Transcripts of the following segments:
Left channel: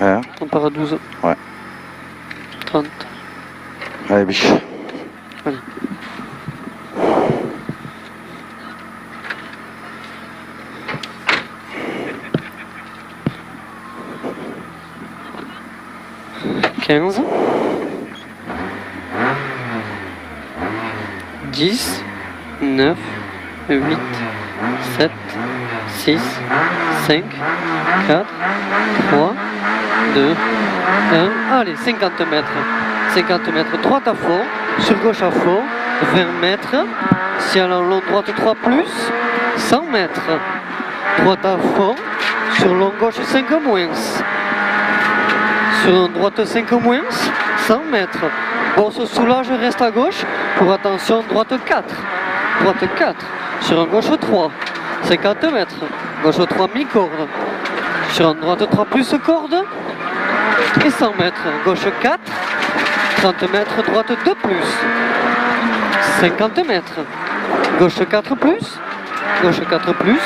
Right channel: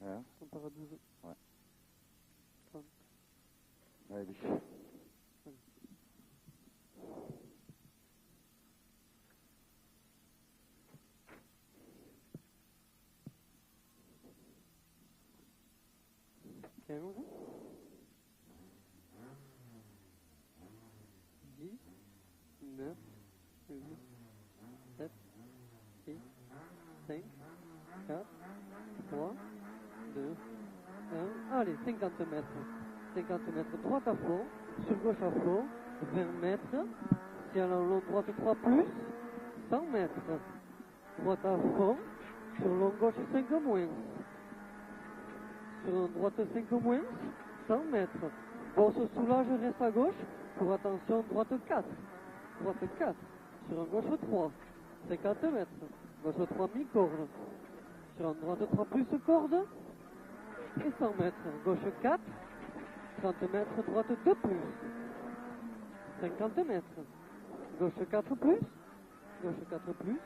Hein? On part à 12. Ouais. 30. Allez, biche. Allez. Quinze. 10, 9, 8, 7, 6, 5, 4, 3, 2, 1. Allez, 50 mètres. 50 mètres, droite à fond, sur gauche à fond, 20 mètres. Ciel en long, droite 3 plus, 100 mètres. Droite à fond, sur long gauche 5 moins. Sur droite 5 moins, 100 mètres. Bon, se soulage, reste à gauche. Pour attention, droite 4. Droite 4. Sur un gauche 3. 50 mètres. Gauche 3, mi-corde. Sur un droite 3 plus corde. Et 100 mètres. Gauche 4. 30 mètres. Droite 2 plus. 50 mètres. Gauche 4 plus. Gauche 4 plus.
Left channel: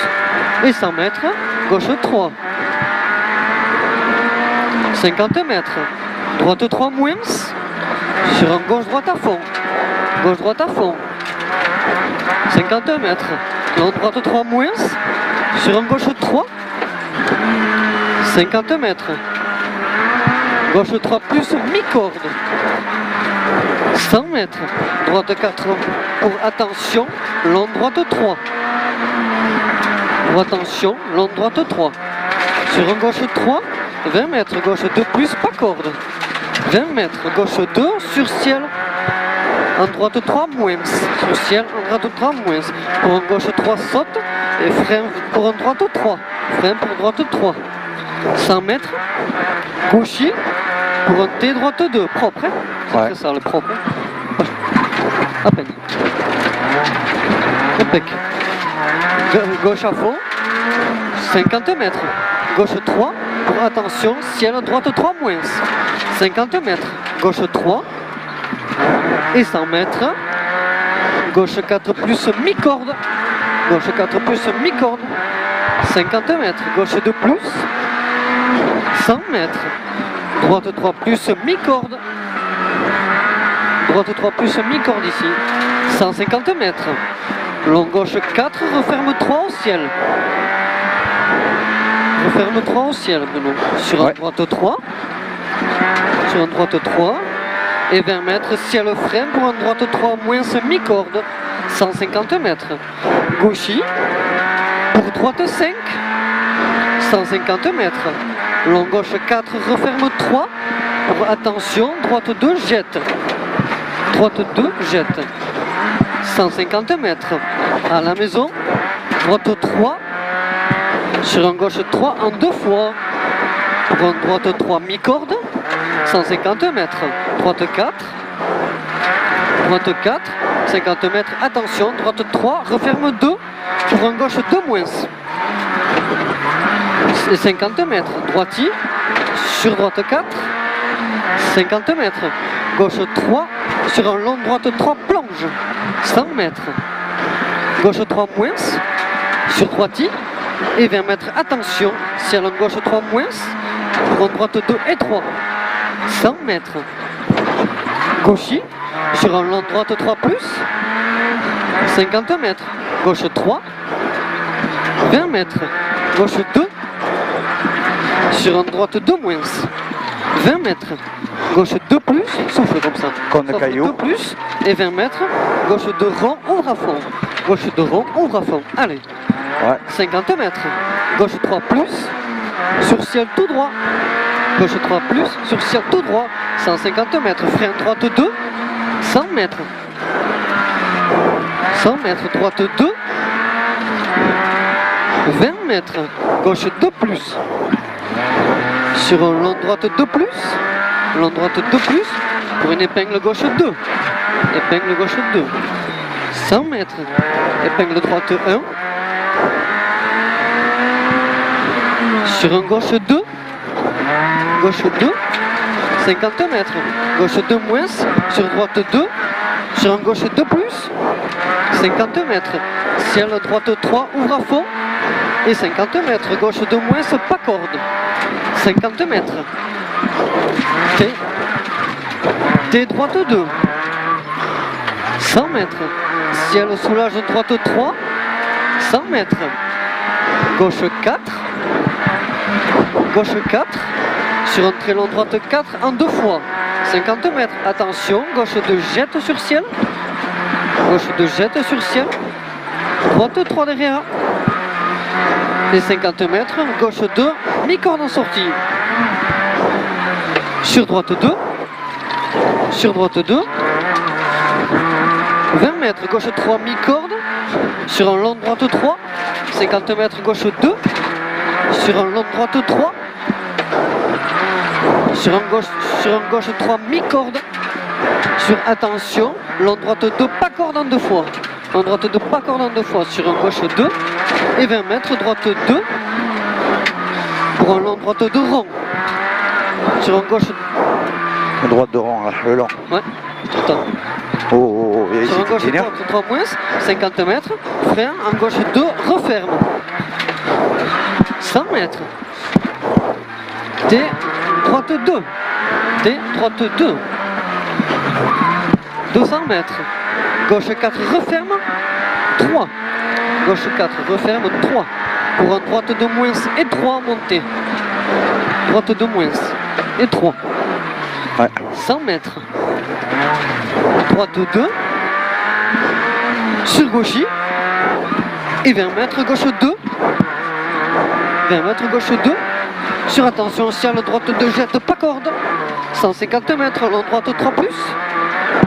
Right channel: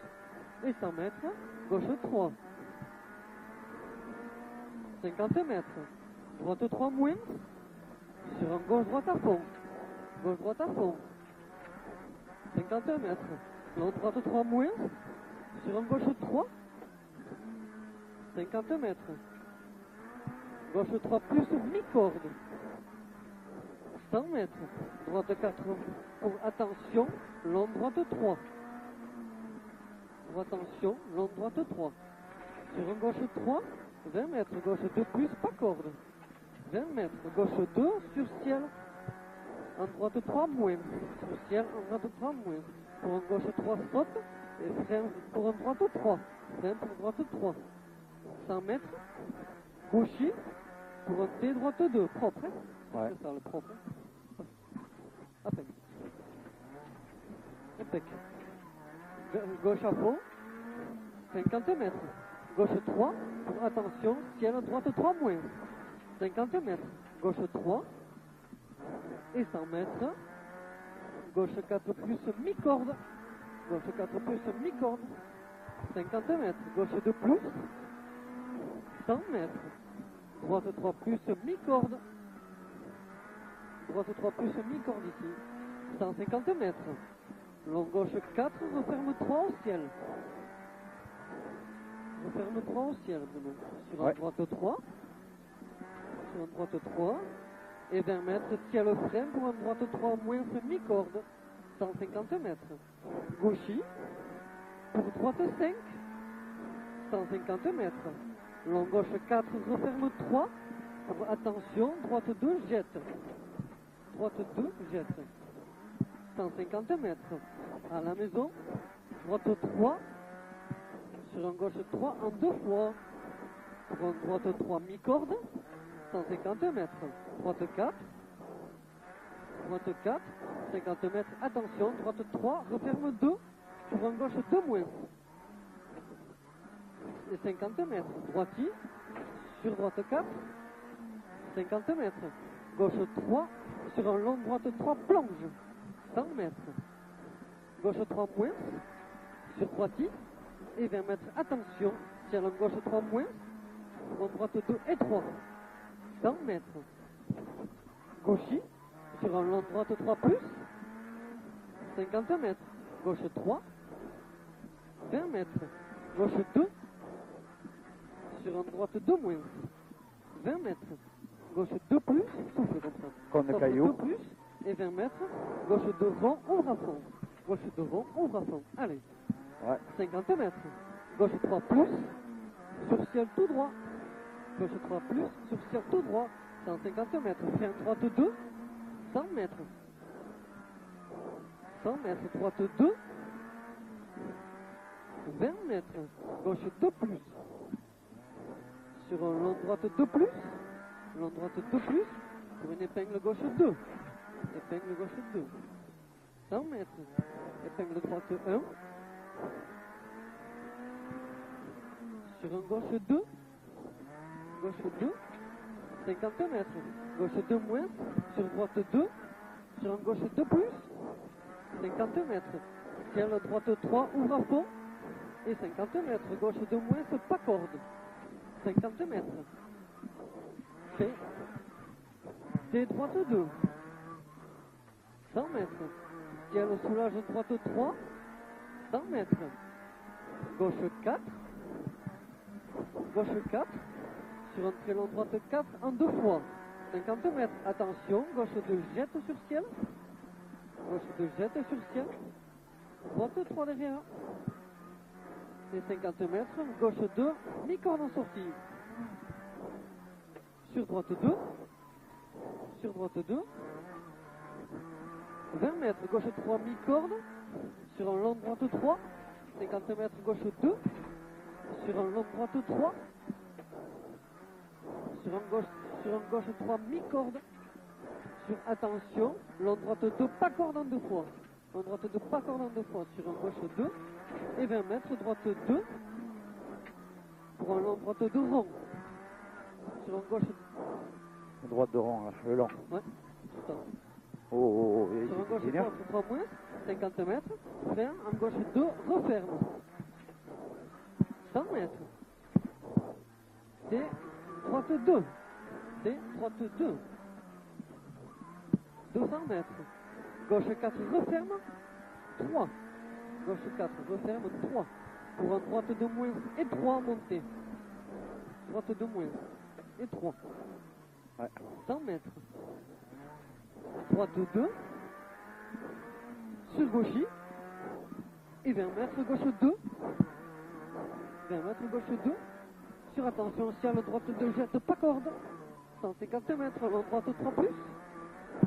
Et 100 mètres. Gauche 3. 50 mètres. Droite 3 moins. Sur un gauche-droite à fond. Gauche-droite à fond. 50 mètres. Long droite 3 moins. Sur un gauche 3. 50 mètres. Gauche 3 plus mi-corde. 100 mètres. Droite 4 pour attention. Long droite 3. Pour attention. Long droite 3. Sur un gauche 3. 20 mètres. Gauche 2 plus pas corde. 20 mètres, gauche 2, sur ciel, en droite 3 moins, sur ciel, en droite 3 moins, pour un gauche 3 saute, et frein pour un droite 3, frein pour droite 3, 100 mètres, gaucher, pour un T droite 2, propre, hein? C'est très ça le propre, à peine, impec, gauche à fond, 50 mètres, gauche 3, pour attention, ciel, droite 3 moins, 50 mètres, gauche 3 et 100 mètres, gauche 4 plus mi-corde, gauche 4 plus mi-corde, 50 mètres, gauche 2 plus, 100 mètres, droite 3 plus mi-corde, droite 3 plus mi-corde ici, 150 mètres, long gauche 4, referme 3 au ciel. Referme 3 au ciel, Bruno. Sur un droite 3. Sur un droite 3. Et 20 mètres, ciel frein pour un droite 3 moins mi-corde. 150 mètres. Gauchy. Pour droite 5. 150 mètres. Long gauche 4, referme 3. Pour attention, droite 2, jette. Droite 2, jette. 150 mètres. À la maison. Droite 3. Sur un gauche 3 en 2 fois. Pour un droite 3 mi-corde. 150 mètres. Droite 4. Droite 4. 50 mètres. Attention. Droite 3. Referme 2. Pour un gauche 2 moins. Et 50 mètres. Droitier. Sur droite 4. 50 mètres. Gauche 3. Sur un long droite 3 plonge. 100 mètres. Gauche 3 moins. Sur droitier. Et 20 mètres, attention, ciel en gauche 3 moins, pour un droite 2 et 3, 100 mètres, gaucher, sur un long droite 3 plus, 50 mètres, gauche 3, 20 mètres, gauche 2, sur un droite 2 moins, 20 mètres, gauche 2 plus, souffle comme ça, comme le caillou, 2 plus, et 20 mètres, gauche 2 rond, ouvre à fond, gauche 2 rond, ouvre à fond, allez. 50 mètres, gauche 3 plus, sur ciel tout droit, gauche 3 plus, sur ciel tout droit, 150 mètres, frein droite 2, 100 mètres, 100 mètres, droite 2, 20 mètres, gauche 2 plus, sur un long droite 2 plus, long droite 2 plus, pour une épingle gauche 2, épingle gauche 2, 100 mètres, épingle droite 1, sur un gauche 2, 50 mètres, gauche 2 moins, sur droite 2, sur un gauche 2 plus, 50 mètres, ciel droite 3, ouvre à fond, et 50 mètres, gauche 2 moins, pas corde, 50 mètres. T droite 2. 100 mètres. Ciel soulage droite 3. 100 mètres. Gauche 4. Gauche 4. Sur un très long droite 4 en 2 fois. 50 mètres. Attention, gauche 2 jette sur ciel. Gauche 2 jette sur ciel. Droite 3 derrière. Les 50 mètres. Gauche 2, mi-corde en sortie. Sur droite 2. Sur droite 2. 20 mètres. Gauche 3, mi-corde. Sur un long droite 3. 50 mètres. Gauche 2. Sur un long droite 3. Sur un gauche 3, mi-corde. Sur attention, long droite 2, pas corde en 2 fois. Long droite 2, pas corde en 2 fois. Sur un gauche 2 et 20 mètres, droite 2. Pour un long droite 2 rond. Sur un gauche. Droite de rang, là, le long. Ouais, tout le temps. Oh, et Sur un gauche 3 moins, 50 mètres. Frein, en gauche 2, referme. 100 mètres. T, droite 2. T, droite 2. 200 mètres. Gauche 4, referme. 3. Gauche 4, referme. 3. Pour un droite de moins et 3 montée. Droite de moins et 3. Ouais. 100 mètres. Droite 2. Sur gauchis. Et 20 mètres, gauche 2. 20 mètres, gauche 2. Sur attention, ciel droite 2 jette pas corde. 150 mètres, long droite 3 plus.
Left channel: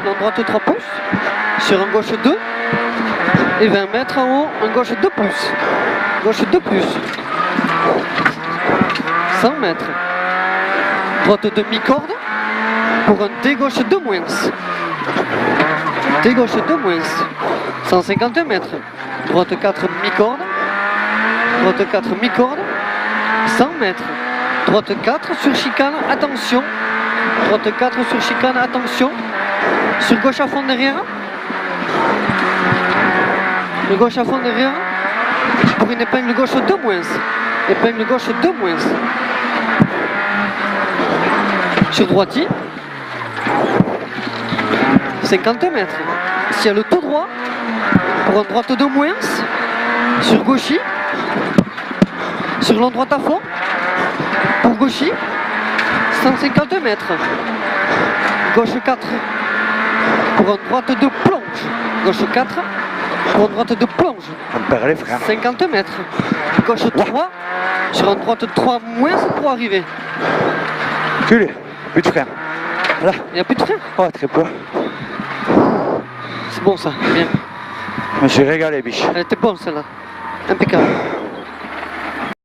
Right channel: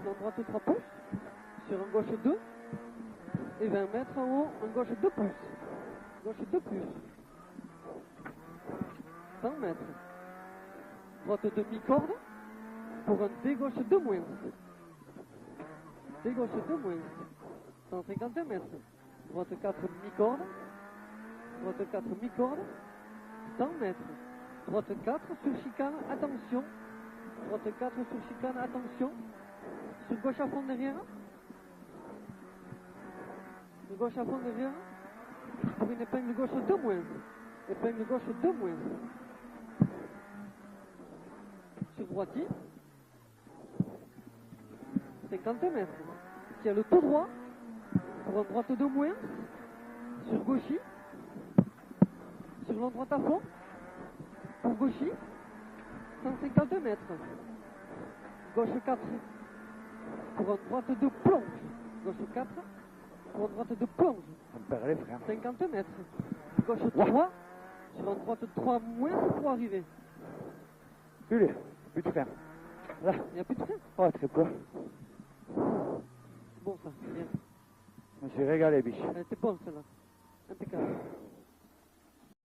Long droite 3 plus. Sur un gauche 2. Et 20 mètres en haut, un gauche 2 plus. Gauche 2 plus. 100 mètres. Droite de mi-corde. Pour un T gauche 2 moins. T gauche 2 moins. 150 mètres. Droite 4 mi-corde. Droite 4 mi-corde. 100 mètres. Droite 4 sur chicane, attention. Droite 4 sur chicane, attention. Sur gauche à fond derrière. Le gauche à fond derrière. Pour une épingle gauche 2 moins. Épingle gauche 2 moins. Sur droitier. 50 mètres. Ciel tout droit. Pour un droite 2 moins. Sur gauchis. Sur long droite à fond. Pour gauchis. 150 mètres. Gauche 4. Pour un droite de plonge. Gauche 4. Pour un droite de plonge. On perd les freins. 50 mètres. Gauche 3. Sur un droite 3 moins pour arriver. Culé. Plus de frein. Là. Il n'y a plus de frein. Oh, très peu. C'est bon ça. Bien. Je me suis régalé, biche. Elle était bonne celle-là. Impeccable.